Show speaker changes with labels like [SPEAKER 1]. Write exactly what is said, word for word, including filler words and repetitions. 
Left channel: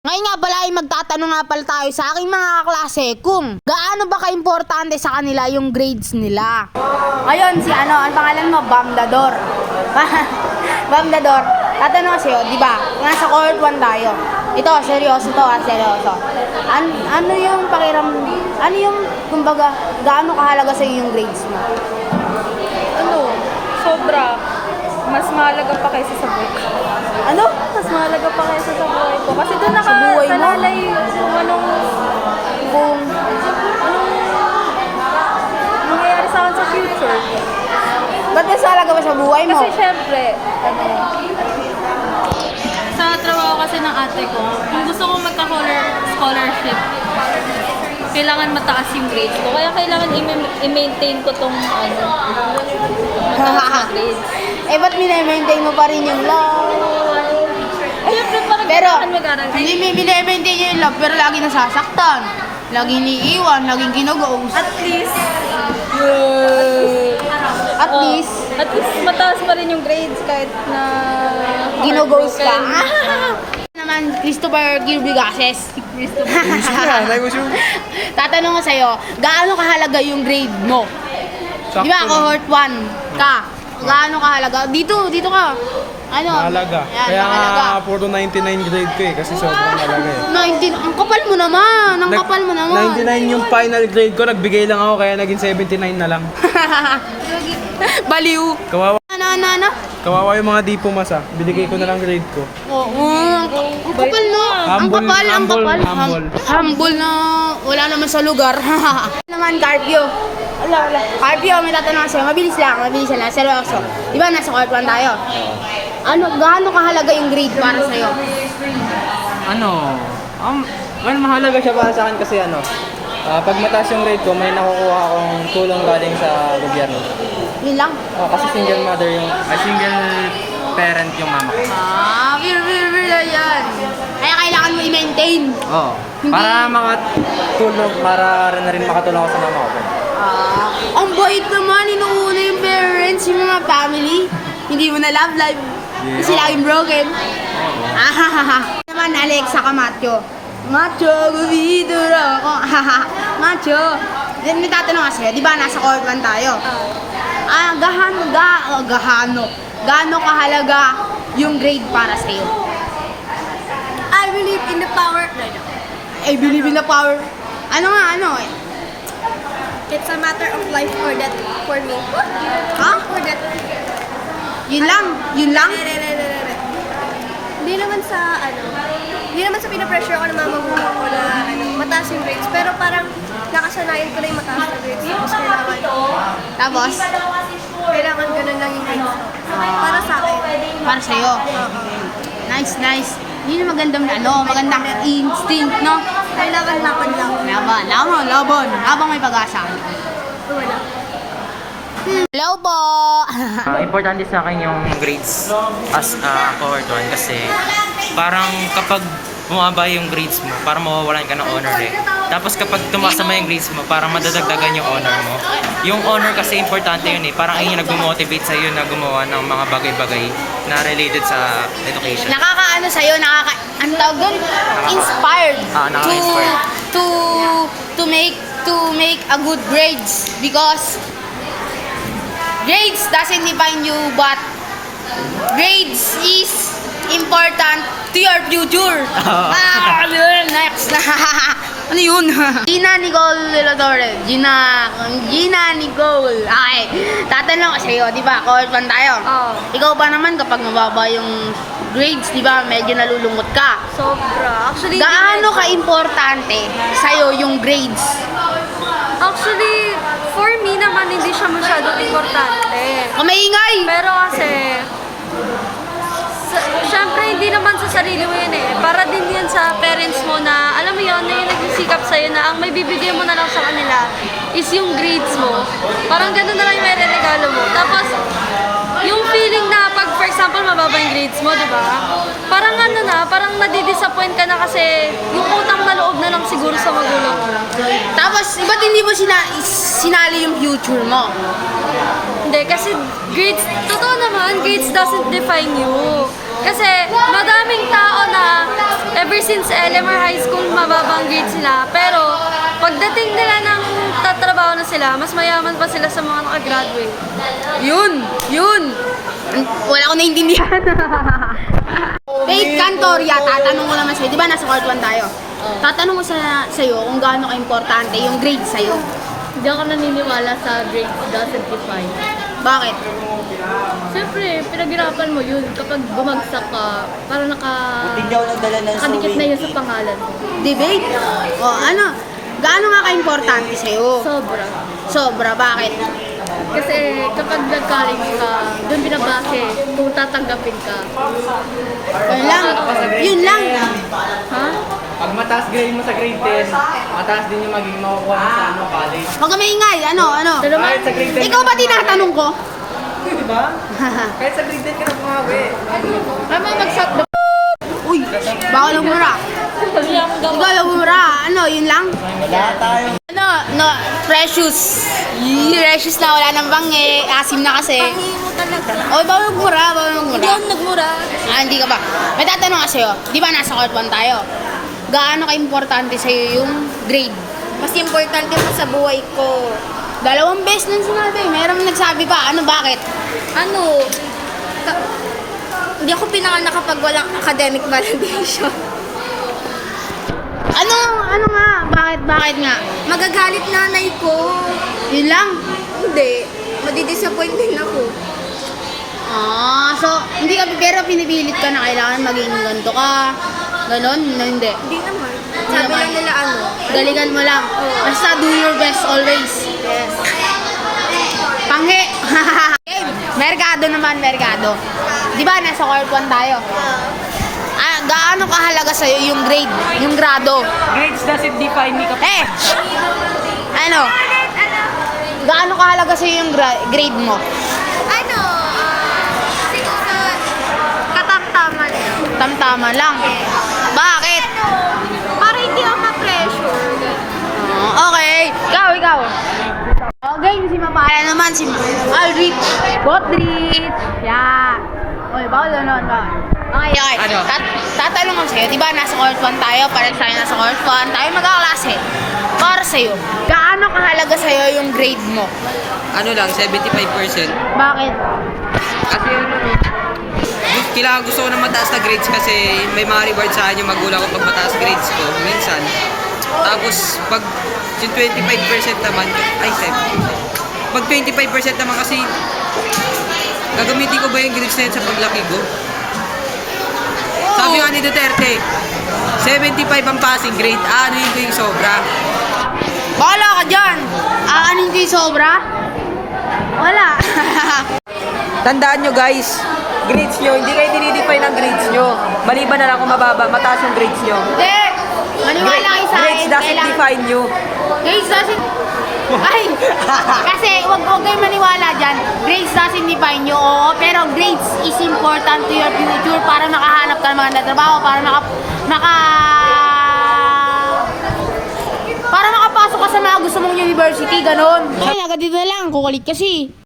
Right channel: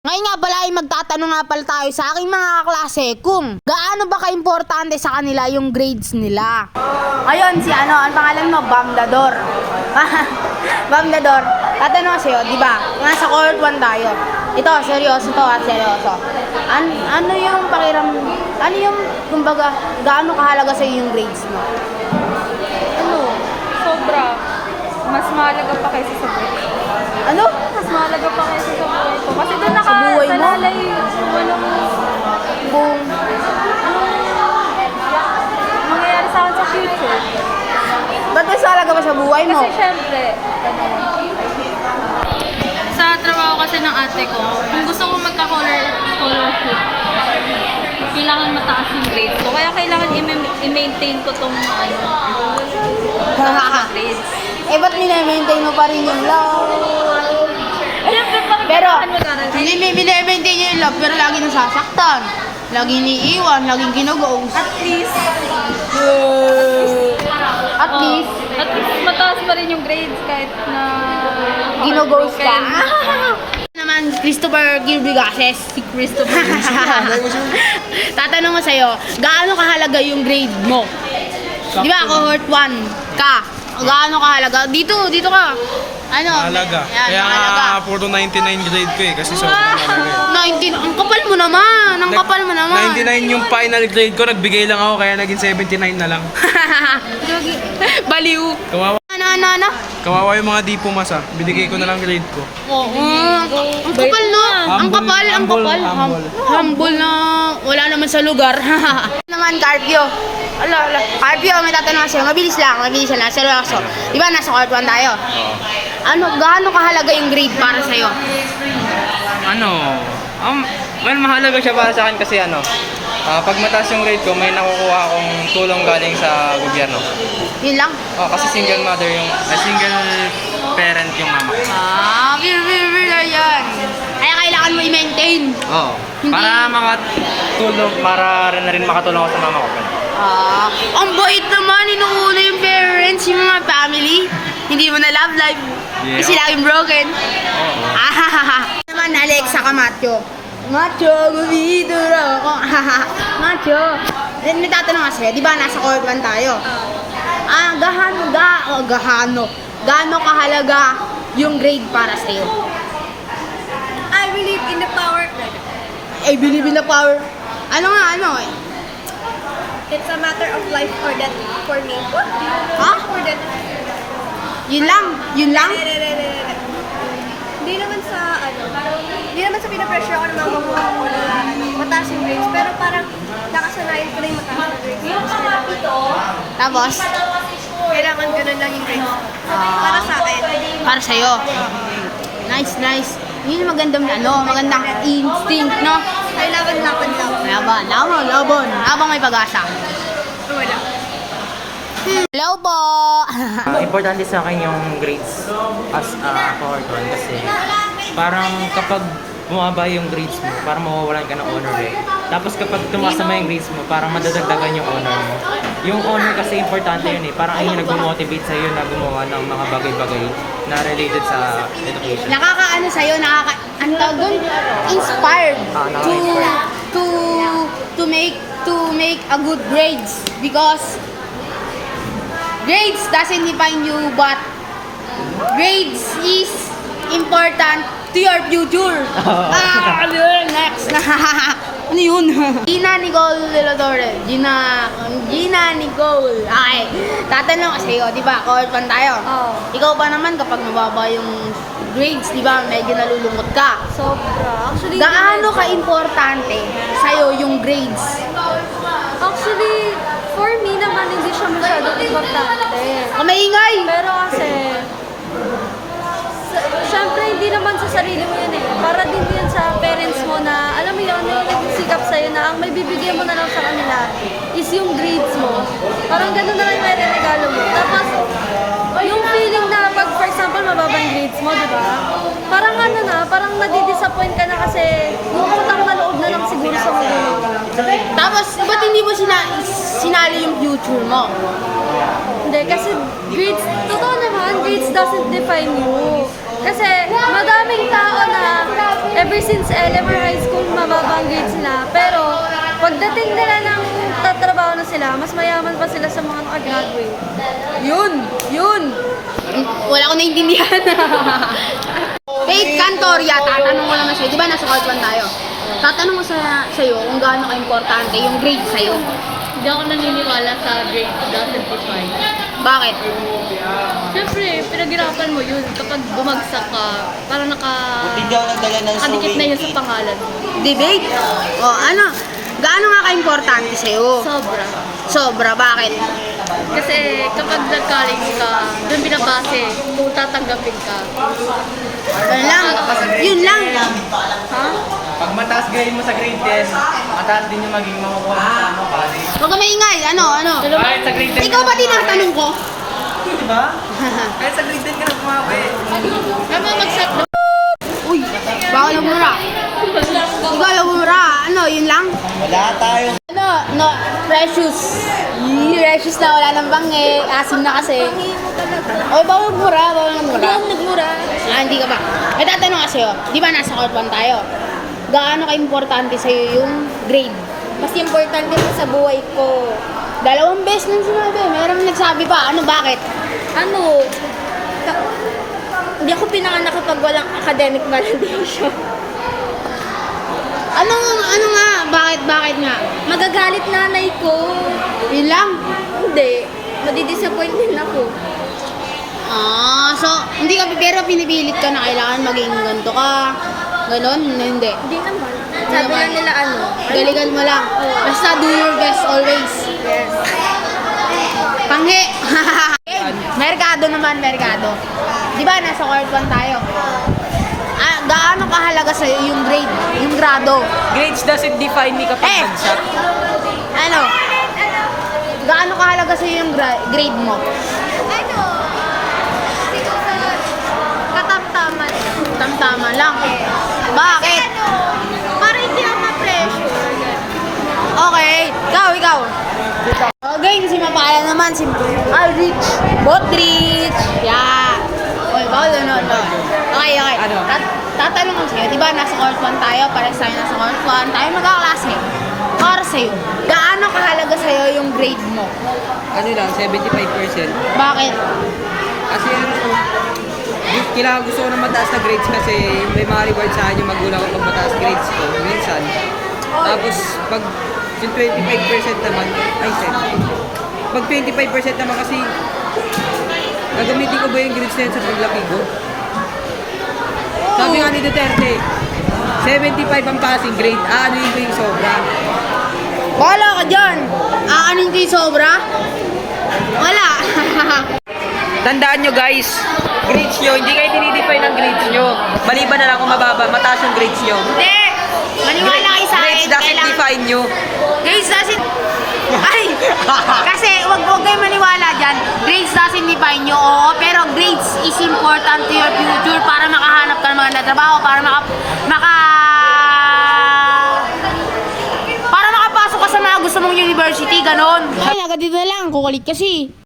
[SPEAKER 1] Ngayon nga pala ay magtatanong nga pala tayo sa aking mga kaklase kung gaano ba ka-importante sa kanila yung grades nila. Ngayon si ano, ang pangalan mo, Bamdador. Bamdador, tatanong kasi yun, di ba? Nasa cohort one tayo. Ito, seryoso to ha, seryoso. An ano yung pakiram, ano yung, kumbaga, gaano kahalaga sa'yo yung grades mo?
[SPEAKER 2] Ano, sobra. Mas mahalaga pa kaysa sa book.
[SPEAKER 1] Ano?
[SPEAKER 2] Mas mahalaga pa kaysa sa buhay ko. Kasi doon naka,
[SPEAKER 1] Sa buhay mo?
[SPEAKER 2] salalay kung anong,
[SPEAKER 1] Kung,
[SPEAKER 2] anong mangyayari sa akin sa future.
[SPEAKER 1] ba't mas mahalaga ba sa buhay mo?
[SPEAKER 2] Kasi syempre, ano, sa trabaho kasi ng ate ko, kung gusto ko magka-scholarship, kailangan mataas yung grades ko. Kaya kailangan i-maintain ko tong ano, grades.
[SPEAKER 1] Eh, ba't minamaintain mo pa rin yung love?
[SPEAKER 2] Ayun, parang
[SPEAKER 1] Pero,
[SPEAKER 2] kailangan mag-aral.
[SPEAKER 1] hindi may minamaintain niya yung love, pero lagi nasasaktan. Lagi iniiwan, laging ginugos.
[SPEAKER 2] At least,
[SPEAKER 1] At
[SPEAKER 2] oh,
[SPEAKER 1] least,
[SPEAKER 2] at least mataas pa rin yung grades kahit na
[SPEAKER 1] ginugos ka.
[SPEAKER 2] heartbroken.
[SPEAKER 1] Naman, Christopher Gilbigases. Si Christopher. Tatanong ko sa'yo, gaano kahalaga yung grade mo? Di ba, cohort one ka? Gaano kahalaga? Dito, dito ka. Ano?
[SPEAKER 3] Mahalaga.
[SPEAKER 1] Yan,
[SPEAKER 3] Kaya
[SPEAKER 1] mahalaga.
[SPEAKER 3] nga puro ninety-nine grade ko eh, kasi sobrang mahalaga eh.
[SPEAKER 1] nineteen, ang kapal mo naman. Ang
[SPEAKER 3] Nag-
[SPEAKER 1] kapal mo naman.
[SPEAKER 3] ninety-nine yung final grade ko, nagbigay lang ako kaya naging seventy-nine na lang.
[SPEAKER 1] Baliw.
[SPEAKER 3] Kawawa,
[SPEAKER 1] Ano, ano, ano?
[SPEAKER 3] kawawa yung mga di pumasa, binigay ko na lang grade ko.
[SPEAKER 1] Oo, ang, ang kapal no? Ang
[SPEAKER 3] Humble,
[SPEAKER 1] kapal, ang
[SPEAKER 3] humble,
[SPEAKER 1] kapal.
[SPEAKER 3] humble.
[SPEAKER 1] Hum- Humble na wala naman sa lugar. naman, Carpio. Ala, ala. Carpio, may tatanong sa'yo. Mabilis lang, mabilis lang. Seryoso. Di ba, nasa cohort one tayo? Ano, gaano kahalaga yung grade para sa'yo?
[SPEAKER 4] Ano, um, well, mahalaga siya para sa akin kasi ano, ah, pag mataas yung grade ko, may nakukuha akong tulong galing sa gobyerno.
[SPEAKER 1] Yun lang.
[SPEAKER 4] Oh, kasi single mother yung, ah, single parent yung mama ko.
[SPEAKER 1] Ah, bir, bir, bir, yan. Kaya kailangan mo i-maintain.
[SPEAKER 4] Oo.
[SPEAKER 1] Hindi-
[SPEAKER 4] Para mga tulong, para rin na rin makatulong ako sa mama ko. ganun.
[SPEAKER 1] Ah, ang bait naman, inuuna yung parents, yung mga family. Hindi mo na love life.
[SPEAKER 4] Yeah.
[SPEAKER 1] Kasi laging broken.
[SPEAKER 4] Oo.
[SPEAKER 1] Ahahaha. Naman, Alexa ka, macho. Macho, gubido na ako. Ahaha. Macho. Then, may tatanong kasi, di ba, nasa cohort one tayo? Ah, gahano, ga, oh, gahano. Gaano kahalaga yung grade para sa'yo?
[SPEAKER 2] I believe in the power.
[SPEAKER 1] I believe in the power. Ano nga, ano eh?
[SPEAKER 2] It's a matter of life or death for me.
[SPEAKER 1] Ha?
[SPEAKER 2] Or death.
[SPEAKER 1] Yun lang? Yun lang?
[SPEAKER 2] Hindi naman sa ano, hindi naman sa pinapressure ako ng mga magulang ko na ano, mataas yung grades, pero parang nakasanayan ko na yung mataas yung grades.
[SPEAKER 1] Tapos?
[SPEAKER 2] Kailangan ganun lang yung grades. Para sa akin.
[SPEAKER 1] Para sa'yo. Nice, nice. Yun yung magandang, ano, magandang instinct, no?
[SPEAKER 2] Kailangan laban lang.
[SPEAKER 1] Laban, laban, laban. Habang may pag-asa.
[SPEAKER 2] Wala.
[SPEAKER 1] Hello po!
[SPEAKER 5] Ah, importante sa akin yung grades as a cohort one kasi parang kapag bumaba yung grades mo, parang mawawalan ka ng honor eh. Tapos kapag tumaas naman yung grades mo, parang madadagdagan yung honor mo. Yung honor kasi importante yun eh. Parang ayun yung nag-motivate sa'yo na gumawa ng mga bagay-bagay na related sa education.
[SPEAKER 1] Nakakaano sa'yo, nakaka... Ang tawag doon? Inspired.
[SPEAKER 5] Ah, nakaka-inspired.
[SPEAKER 1] To, to, to make, to make a good grades. Because grades doesn't define you, but grades is important to your future.
[SPEAKER 5] Oh.
[SPEAKER 1] Ah, yun, next. ano yun? Gina Nicole de la Torre. Gina, Gina Nicole. Okay. Tatanong ko sa'yo, di ba? Cohort one tayo.
[SPEAKER 2] Oo.
[SPEAKER 1] Ikaw ba naman kapag mababa yung grades, di ba? Medyo nalulungkot ka.
[SPEAKER 2] Sobra. Actually,
[SPEAKER 1] Gaano ka-importante sa'yo yung grades?
[SPEAKER 2] Actually, for me naman, hindi siya masyadong importante.
[SPEAKER 1] Kamaingay!
[SPEAKER 2] Pero kasi, sa, syempre hindi naman sa sarili mo yun eh. Para din yan sa parents mo na, alam mo yun, na yung nagsisikap sa'yo na ang may bibigyan mo na lang sa kanila is yung grades mo. Parang ganun na lang yung may regalo mo. Tapos, yung feeling na pag, for example, mababa yung grades mo, di ba? Parang ano na, parang nadidisappoint ka na kasi yung utang na loob na lang siguro sa magulang mo.
[SPEAKER 1] Tapos, ba't hindi mo sina sinali yung future mo?
[SPEAKER 2] Hindi, kasi grades, totoo naman, grades doesn't define you. Kasi madaming tao na ever since L M R High School mababang grades sila. Pero pagdating nila ng tatrabaho na sila, mas mayaman pa sila sa mga nakagraduate.
[SPEAKER 1] Yun! Yun! Wala ko naintindihan. Faith Cantoria, tatanong ko naman sa'yo. Di ba nasa court one tayo? Tatanong ko sa, sa'yo kung gaano ka-importante yung grade sa'yo.
[SPEAKER 2] Hindi ako naniniwala sa grade doesn't define.
[SPEAKER 1] Bakit?
[SPEAKER 2] Siyempre, pinaghirapan mo yun. Kapag bumagsak ka, para naka...
[SPEAKER 6] Hindi ako nagdala ng
[SPEAKER 2] nakadikit na
[SPEAKER 6] sewing.
[SPEAKER 2] yun sa pangalan mo.
[SPEAKER 1] Debate? O ano? Gaano nga ka-importante sa'yo?
[SPEAKER 2] Sobra.
[SPEAKER 1] Sobra, bakit?
[SPEAKER 2] Kasi kapag nag-college ka, doon binabase kung tatanggapin ka.
[SPEAKER 1] Yun lang. Yun lang.
[SPEAKER 2] Ha?
[SPEAKER 4] Pag mataas grade mo sa grade ten, mataas din yung magiging makukuha mo sa ano, college.
[SPEAKER 1] Huwag ka maingay. Ano? Ano?
[SPEAKER 4] Kahit sa grade ten.
[SPEAKER 1] Ikaw ba tinatanong ko?
[SPEAKER 4] Di ba? Kahit sa grade ten ka na bumawi.
[SPEAKER 2] May mga mag-shot na.
[SPEAKER 1] Uy, bawal ang mura. Ikaw yung mura. Ano? Yun lang?
[SPEAKER 6] Wala tayo.
[SPEAKER 1] Ano? No, precious. Yee, precious na wala nang bangi. Asim na kasi.
[SPEAKER 2] mo talaga.
[SPEAKER 1] Oh, bawal magmura. Bawal magmura.
[SPEAKER 2] Hindi ako magmura.
[SPEAKER 1] Ah, hindi ka ba? May tatanong ka sa'yo. Di ba nasa court one tayo? Gaano ka-importante sa'yo yung grade?
[SPEAKER 2] Mas importante pa sa buhay ko.
[SPEAKER 1] Dalawang beses nang sinabi. Meron nagsabi pa. Ano, bakit?
[SPEAKER 2] Ano? Ta- hindi ako pinanganak kapag walang academic validation.
[SPEAKER 1] Ano, ano nga? Bakit, bakit nga?
[SPEAKER 2] Magagalit nanay ko.
[SPEAKER 1] Yun lang.
[SPEAKER 2] Hindi. Madidisappoint din ako.
[SPEAKER 1] Ah, so, hindi ka, pero pinipilit ka na kailangan maging ganito ka. Ganon? Hindi.
[SPEAKER 2] Hindi naman. Sabi lang nila ano.
[SPEAKER 1] Galingan mo lang. Basta do your best always.
[SPEAKER 2] Yes.
[SPEAKER 1] Panghe! Merkado naman, merkado. Di ba, nasa court one tayo? Ah, gaano kahalaga sa'yo yung grade, yung grado?
[SPEAKER 5] Grades doesn't define me kapag
[SPEAKER 1] Eh! Ano? Gaano kahalaga sa'yo yung gra- grade mo?
[SPEAKER 2] Ano? ah, siguro katamtaman lang.
[SPEAKER 1] Tamtama lang. Bakit?
[SPEAKER 2] Para hindi ako ma-pressure. ganun.
[SPEAKER 1] Okay. Ikaw, ikaw. Okay, si Mapala naman, si Aldrich, Botrich. Yeah. Oy, bawal na nun. Okay, okay.
[SPEAKER 5] Ano?
[SPEAKER 1] Tat- tatanong ko sa'yo, di ba nasa court one tayo? Parang sa'yo nasa court one. Tayo magkaklase. Para sa'yo, gaano kahalaga sa'yo yung grade mo?
[SPEAKER 7] Ano lang, seventy-five percent.
[SPEAKER 1] Bakit?
[SPEAKER 7] Kasi gu- kailangan gusto ko ng mataas na grades kasi may mga reward sa akin yung magulang ko pag mataas grades ko, minsan. Tapos pag yung twenty-five percent naman, ay seventy. Pag twenty-five percent naman kasi gagamitin ko ba yung grades na yun sa paglaki ko? Sabi nga ni Duterte, seventy-five ang passing grade, aanuin ko yung sobra.
[SPEAKER 1] Wala ka dyan. Aanin ko yung sobra? Wala.
[SPEAKER 7] Tandaan nyo guys, grades nyo, hindi kayo dinidefine ng grades nyo. Maliban na lang kung mababa, mataas yung grades nyo.
[SPEAKER 1] Hindi. Maniwala kayo sa akin.
[SPEAKER 7] Grades doesn't
[SPEAKER 1] kailangan-
[SPEAKER 7] define nyo.
[SPEAKER 1] Grades doesn't... Ay! Kasi wag wag kayo maniwala dyan. Grades doesn't define nyo, oo. Pero grades is important to your future para makahanap ka ng mga trabaho, para maka... maka... para makapasok ka sa mga gusto mong university, ganon. Ay, agad dito na lang. Kukulit kasi.